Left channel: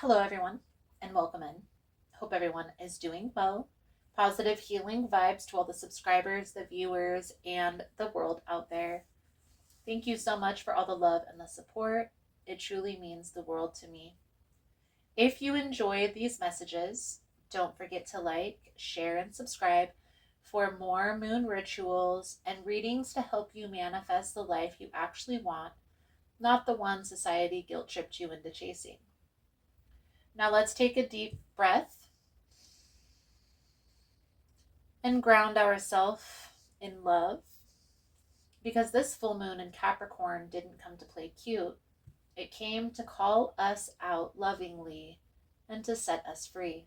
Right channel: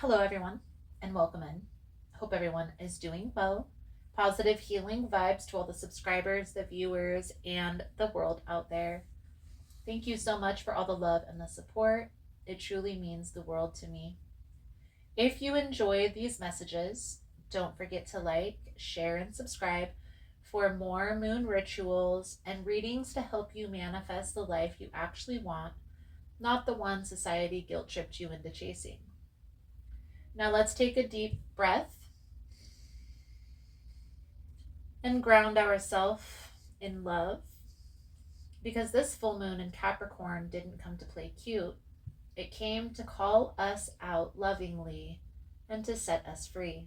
Hello, everyone, and welcome in. Hope everyone is doing well. Positive healing vibes to all the subscribers, the viewers, and the world out there. Thank you so much for all the love and the support. It truly means the world to me. If you enjoyed these messages, don't forget to like, share, and subscribe for more moon rituals and readings to help you manifest the life you actually want, not the one society guilt tripped you into chasing. Now let's take a deep breath and ground ourselves in love, because this full moon in Capricorn didn't come to play cute. It came to call us out lovingly and to set us free.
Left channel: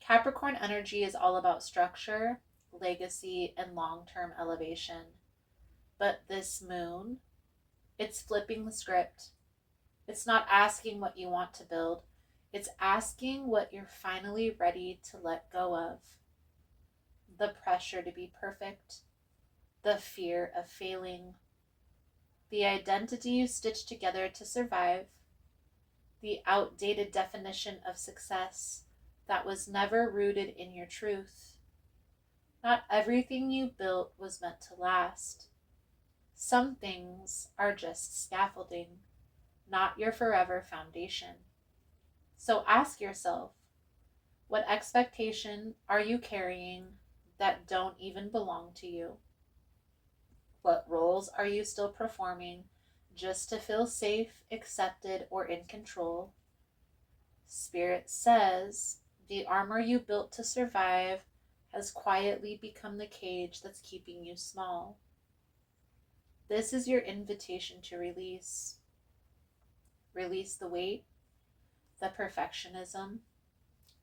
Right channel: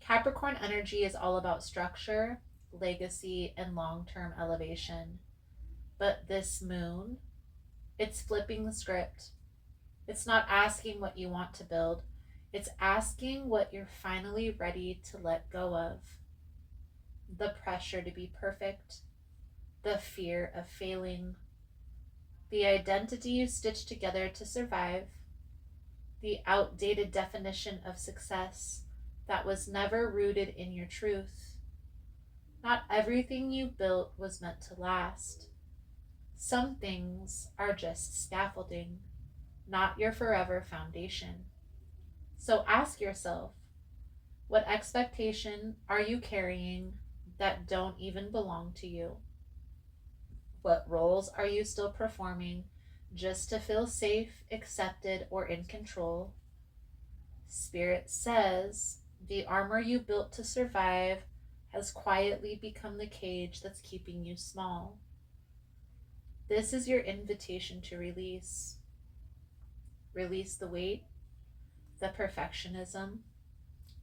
Capricorn energy is all about structure, legacy, and long-term elevation. But this moon, it's flipping the script. It's not asking what you want to build. It's asking what you're finally ready to let go of. The pressure to be perfect, the fear of failing, the identity you stitch together to survive, the outdated definition of success that was never rooted in your truth. Not everything you built was meant to last. Some things are just scaffolding, not your forever foundation. So ask yourself, what expectation are you carrying that don't even belong to you? What roles are you still performing just to feel safe, accepted, or in control? Spirit says the armor you built to survive has quietly become the cage that's keeping you small. This is your invitation to release. Release the weight, the perfectionism,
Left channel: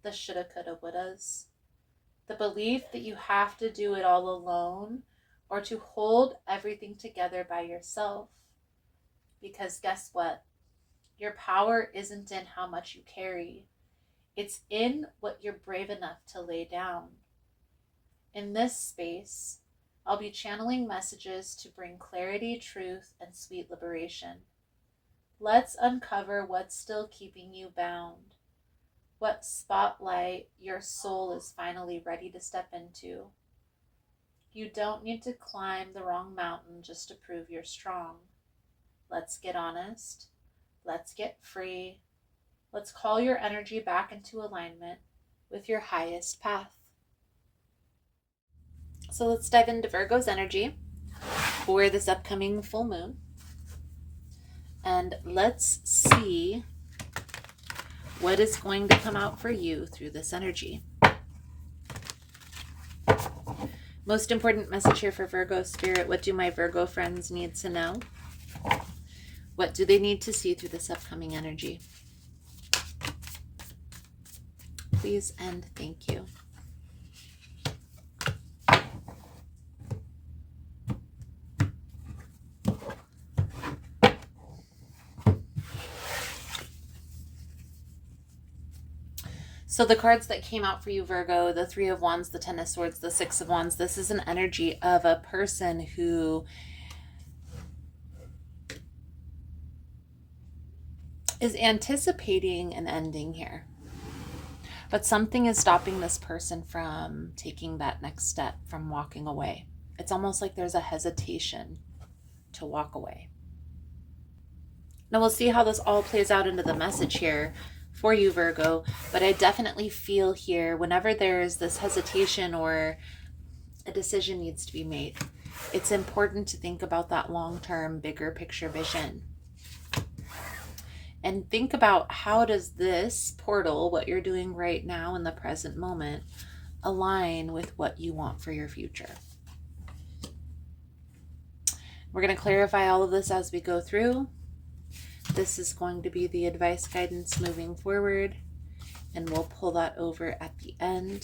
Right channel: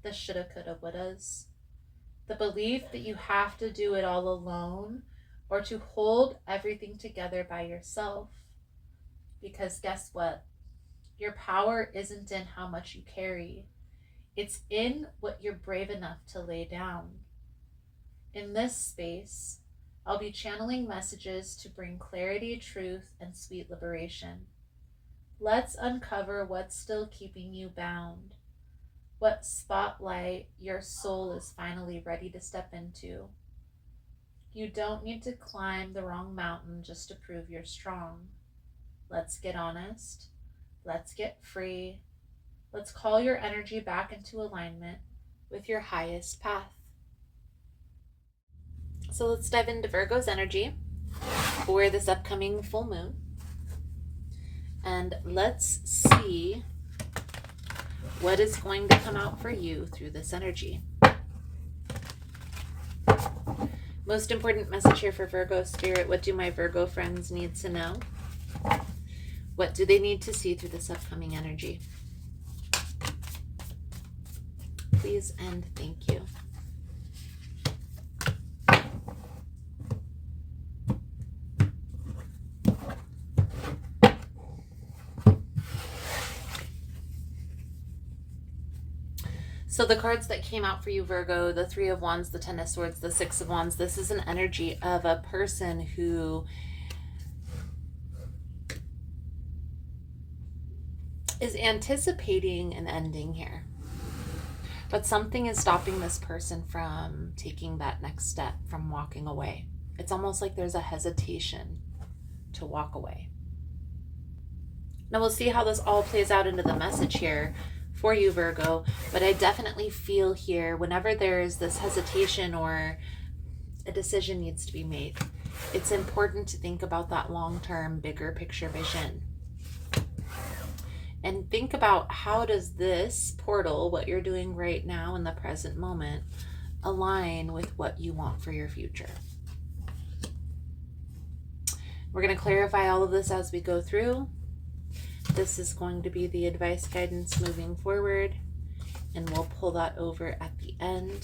the shoulda, coulda, wouldas, the belief that you have to do it all alone or to hold everything together by yourself. Because guess what? Your power isn't in how much you carry, it's in what you're brave enough to lay down. In this space, I'll be channeling messages to bring clarity, truth, and sweet liberation. Let's uncover what's still keeping you bound, what spotlight your soul is finally ready to step into. You don't need to climb the wrong mountain just to prove you're strong. Let's get honest. Let's get free. Let's call your energy back into alignment with your highest path. So let's dive into Virgo's energy for this upcoming full moon. And let's see what is going to come out for you through this energy. Most important message here for Virgo Spirit. What do my Virgo friends need to know? What do they need to see through this upcoming energy? Please and thank you. So the cards that came out for you, Virgo, the Three of Wands, the Ten of Swords, the Six of Wands, this is an energy of a person who is anticipating an ending here. But something is stopping this person from taking that next step, from walking away. It's almost like there's a hesitation to walk away. Now we'll see how this all plays out into the message here for you, Virgo, but I definitely feel here whenever there's this hesitation or a decision needs to be made, it's important to think about that long-term, bigger picture vision. And think about, how does this portal, what you're doing right now in the present moment, align with what you want for your future? We're going to clarify all of this as we go through. This is going to be the advice guidance moving forward, and we'll pull that over at the end.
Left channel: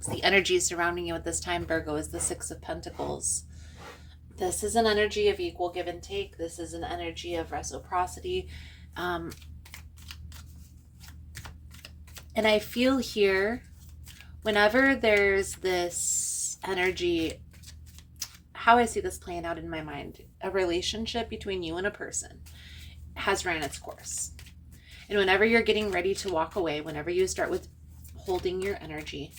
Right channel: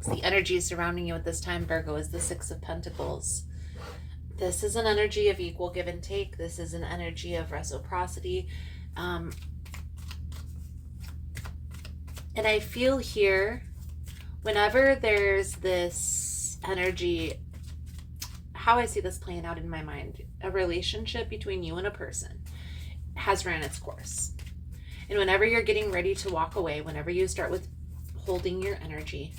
So the energy surrounding you at this time, Virgo, is the Six of Pentacles. This is an energy of equal give and take. This is an energy of reciprocity. And I feel here, whenever there's this energy, how I see this playing out in my mind, a relationship between you and a person. has ran its course. And whenever you're getting ready to walk away, whenever you start with holding your energy,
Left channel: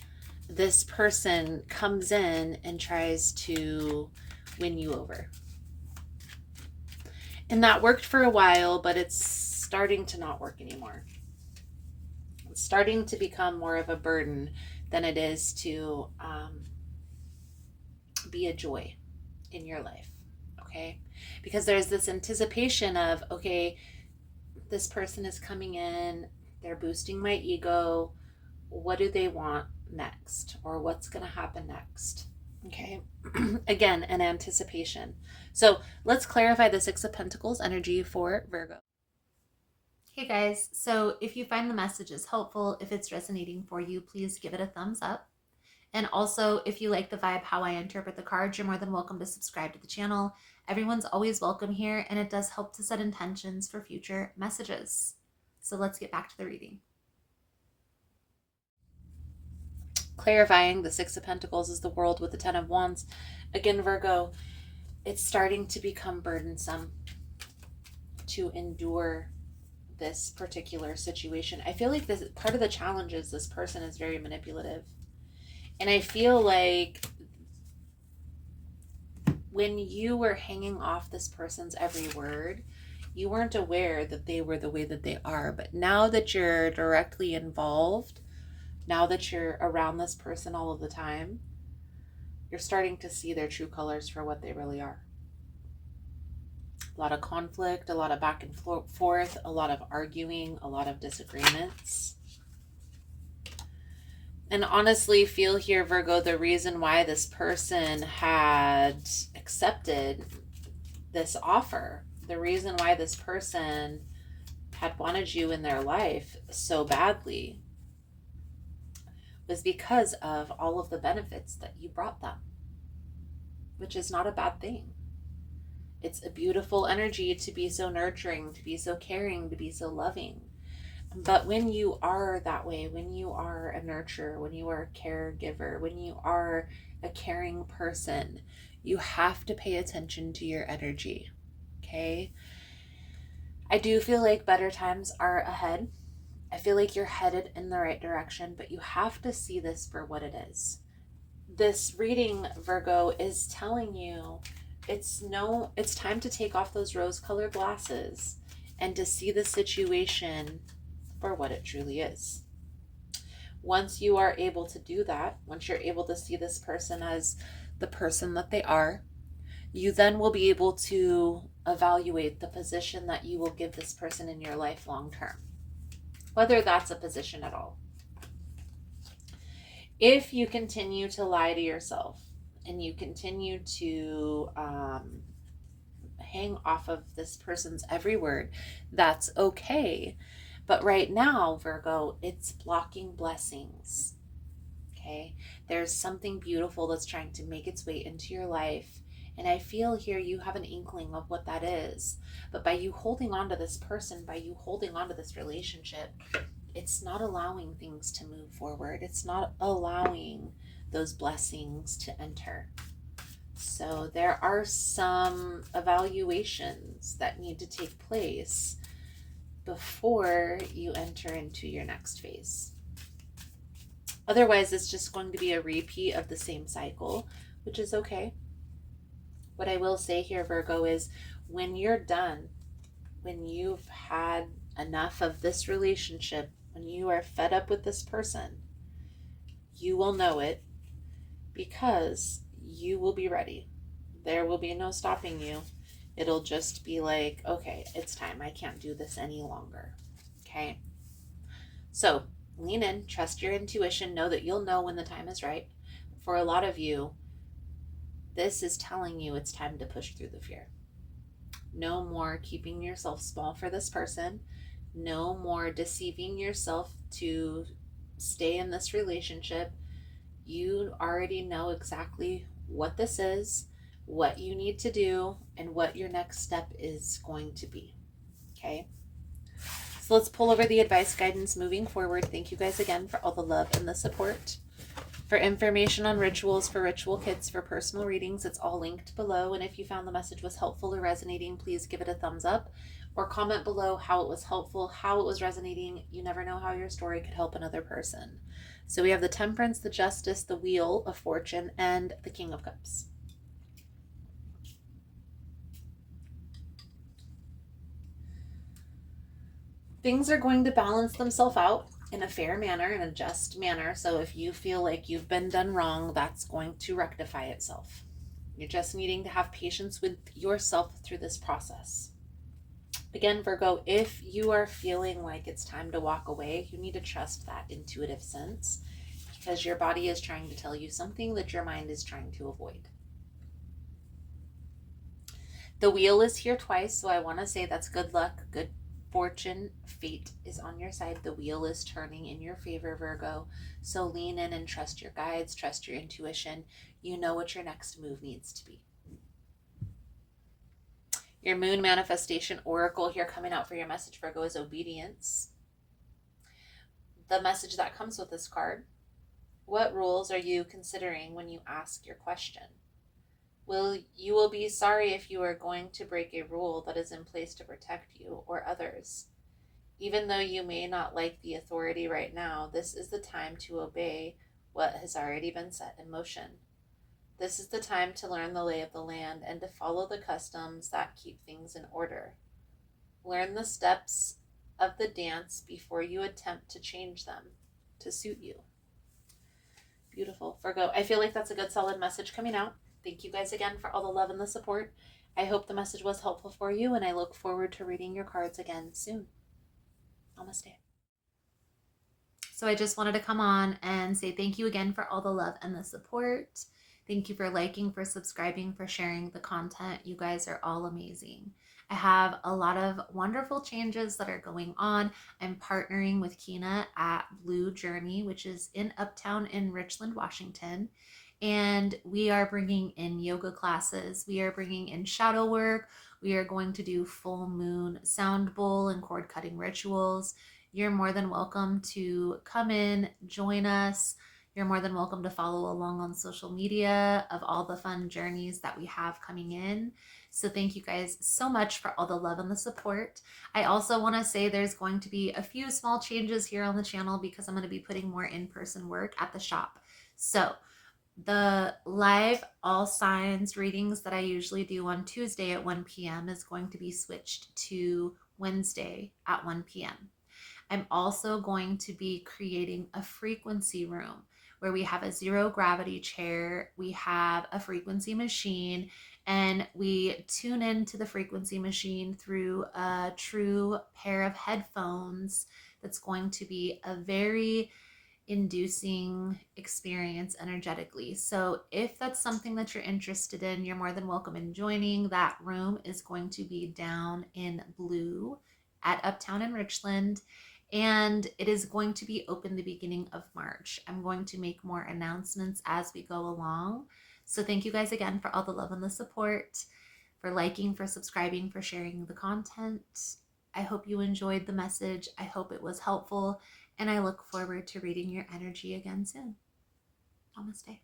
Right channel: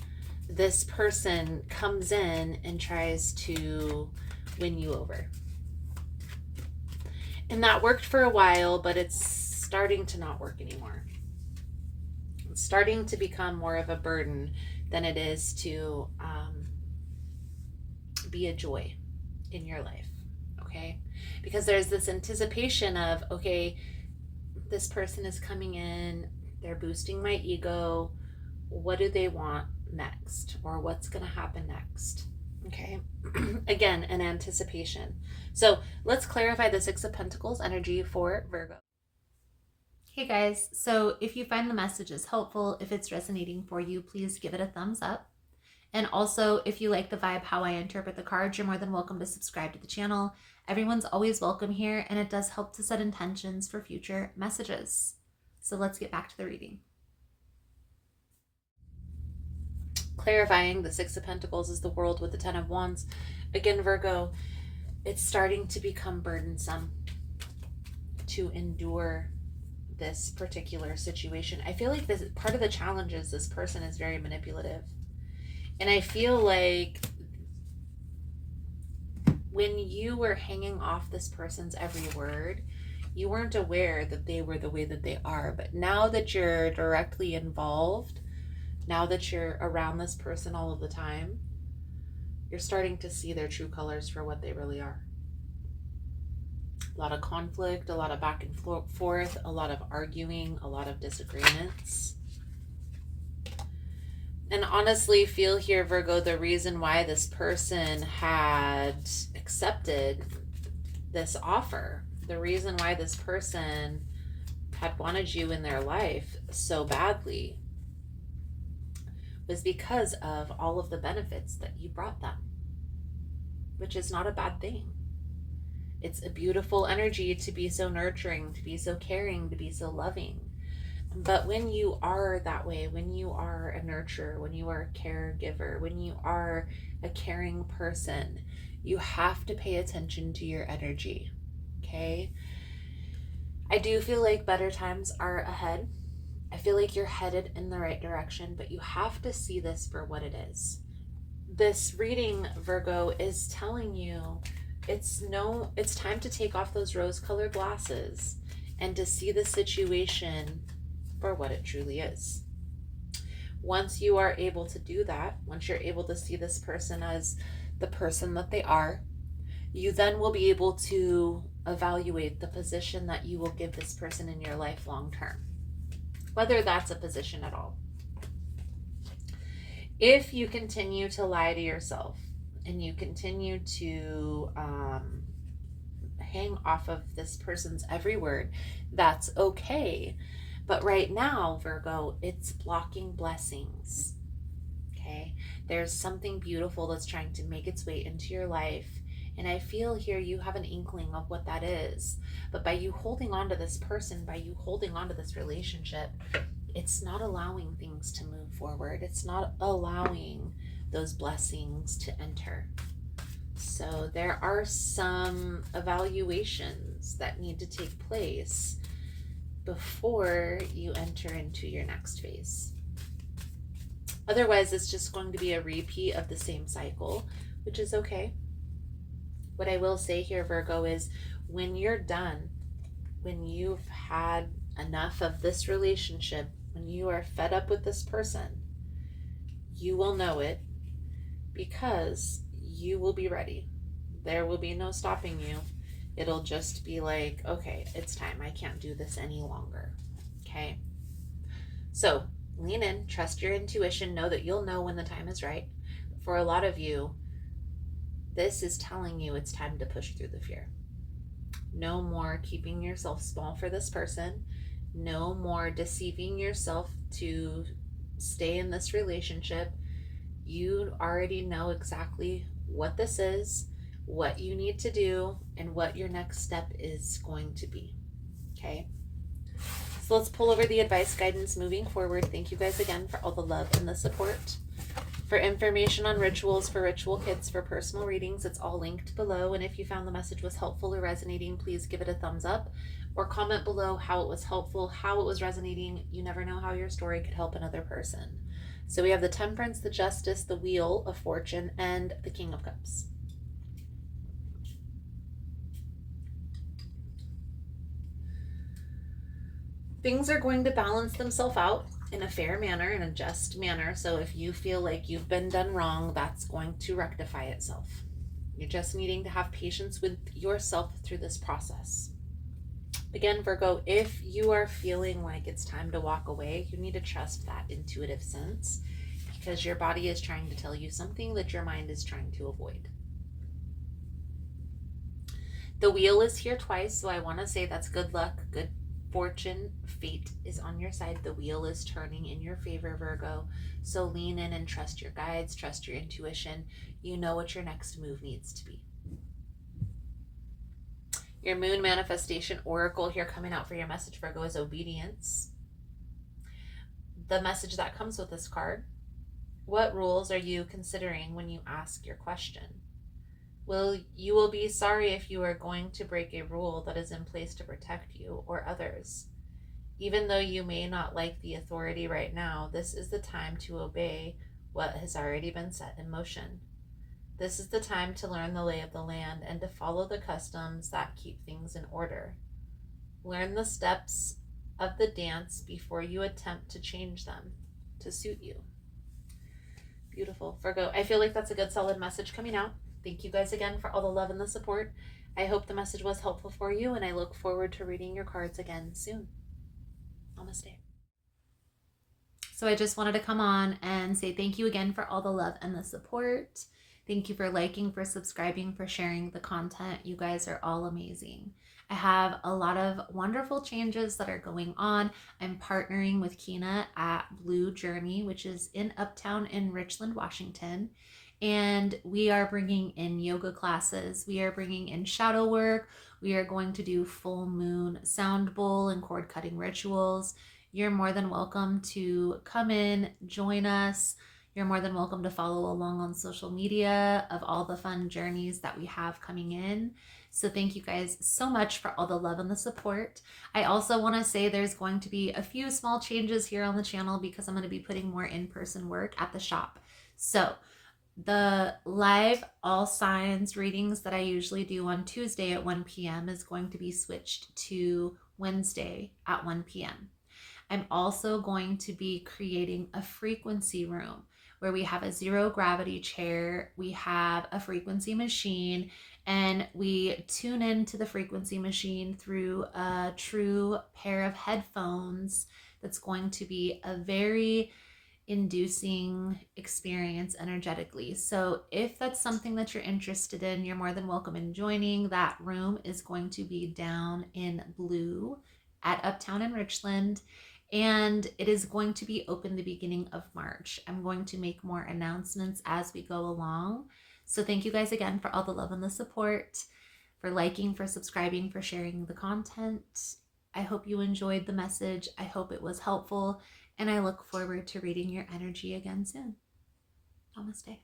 this person comes in and tries to win you over. And that worked for a while, but it's starting to not work anymore. It's starting to become more of a burden than it is to be a joy in your life. Okay? Because there's this anticipation of, okay, this person is coming in, they're boosting my ego. What do they want next? Or what's going to happen next? Okay? Again, an anticipation. So let's clarify the Six of Pentacles energy for Virgo. Hey guys, so if you find the messages helpful, if it's resonating for you, please give it a thumbs up. And also, if you like the vibe, how I interpret the cards, you're more than welcome to subscribe to the channel. Everyone's always welcome here, and it does help to set intentions for future messages. So let's get back to the reading. Clarifying, the Six of Pentacles is the World with the Ten of Wands. Again, Virgo, it's starting to become burdensome to endure this particular situation. I feel like this part of the challenge is this person is very manipulative. And I feel like when you were hanging off this person's every word, you weren't aware that they were the way that they are. But now that you're directly involved, now that you're around this person all of the time, you're starting to see their true colors for what they really are. A lot of conflict, a lot of back and forth, a lot of arguing, a lot of disagreements. And honestly, feel here, Virgo, the reason why this person had accepted this offer, the reason why this person had wanted you in their life so badly was because of all of the benefits that you brought them, which is not a bad thing. It's a beautiful energy to be so nurturing, to be so caring, to be so loving. But when you are that way, when you are a nurturer, when you are a caregiver, when you are a caring person, you have to pay attention to your energy, okay? I do feel like better times are ahead. I feel like you're headed in the right direction, but you have to see this for what it is. This reading, Virgo, is telling you it's time to take off those rose-colored glasses and to see the situation for what it truly is. Once you are able to do that, once you're able to see this person as the person that they are, you then will be able to evaluate the position that you will give this person in your life long term, whether that's a position at all. If you continue to lie to yourself and you continue to hang off of this person's every word, that's okay. But right now, Virgo, it's blocking blessings, okay? There's something beautiful that's trying to make its way into your life. And I feel here you have an inkling of what that is. But by you holding on to this person, by you holding on to this relationship, it's not allowing things to move forward. It's not allowing those blessings to enter. So there are some evaluations that need to take place before you enter into your next phase. Otherwise, it's just going to be a repeat of the same cycle, which is okay. What I will say here, Virgo, is when you're done, when you've had enough of this relationship, when you are fed up with this person, you will know it because you will be ready. There will be no stopping you. It'll just be like, okay, it's time. I can't do this any longer. Okay? So lean in, trust your intuition, know that you'll know when the time is right. For a lot of you, this is telling you it's time to push through the fear. No more keeping yourself small for this person. No more deceiving yourself to stay in this relationship. You already know exactly what this is, what you need to do, and what your next step is going to be. Okay? So let's pull over the advice guidance moving forward. Thank you guys again for all the love and the support. For information on rituals for ritual kits for personal readings, it's all linked below. And if you found the message was helpful or resonating, please give it a thumbs up. or comment below how it was helpful, how it was resonating. You never know how your story could help another person. So we have the Temperance, the Justice, the Wheel of Fortune, and the King of Cups. Things are going to balance themselves out in a fair manner, in a just manner. So if you feel like you've been done wrong, that's going to rectify itself. You're just needing to have patience with yourself through this process. Again, Virgo, if you are feeling like it's time to walk away, you need to trust that intuitive sense, because your body is trying to tell you something that your mind is trying to avoid. The Wheel is here twice, so I want to say that's good luck, good fortune. Fate is on your side. The wheel is turning in your favor, Virgo. So lean in and trust your guides, trust your intuition. You know what your next move needs to be. Your Moon Manifestation Oracle here coming out for your message, Virgo, is obedience. The message that comes with this card: what rules are you considering when you ask your question? You will be sorry if you are going to break a rule that is in place to protect you or others. Even though you may not like the authority right now, this is the time to obey what has already been set in motion. This is the time to learn the lay of the land and to follow the customs that keep things in order. Learn the steps of the dance before you attempt to change them to suit you. Beautiful, Virgo. I feel like that's a good solid message coming out. Thank you guys again for all the love and the support. I hope the message was helpful for you, and I look forward to reading your cards again soon. Namaste. So I just wanted to come on and say thank you again for all the love and the support. Thank you for liking, for subscribing, for sharing the content. You guys are all amazing. I have a lot of wonderful changes that are going on. I'm partnering with Kina at Blue Journey, which is in Uptown in Richland, Washington. And we are bringing in yoga classes. We are bringing in shadow work. We are going to do full moon sound bowl and cord cutting rituals. You're more than welcome to come in, join us. You're more than welcome to follow along on social media of all the fun journeys that we have coming in. So thank you guys so much for all the love and the support. I also want to say there's going to be a few small changes here on the channel because I'm going to be putting more in-person work at the shop. So the live all signs readings that I usually do on Tuesday at 1 p.m. is going to be switched to Wednesday at 1 p.m. I'm also going to be creating a frequency room where we have a zero gravity chair, we have a frequency machine, and we tune into the frequency machine through a true pair of headphones. That's going to be a very inducing experience energetically. So if that's something that you're interested in, you're more than welcome in joining. That room is going to be down in Blue at Uptown in Richland, and it is going to be open the beginning of March. I'm going to make more announcements as we go along. So thank you guys again for all the love and the support, for liking, for subscribing, for sharing the content. I hope you enjoyed the message. I hope it was helpful, and I look forward to reading your energy again soon. Namaste.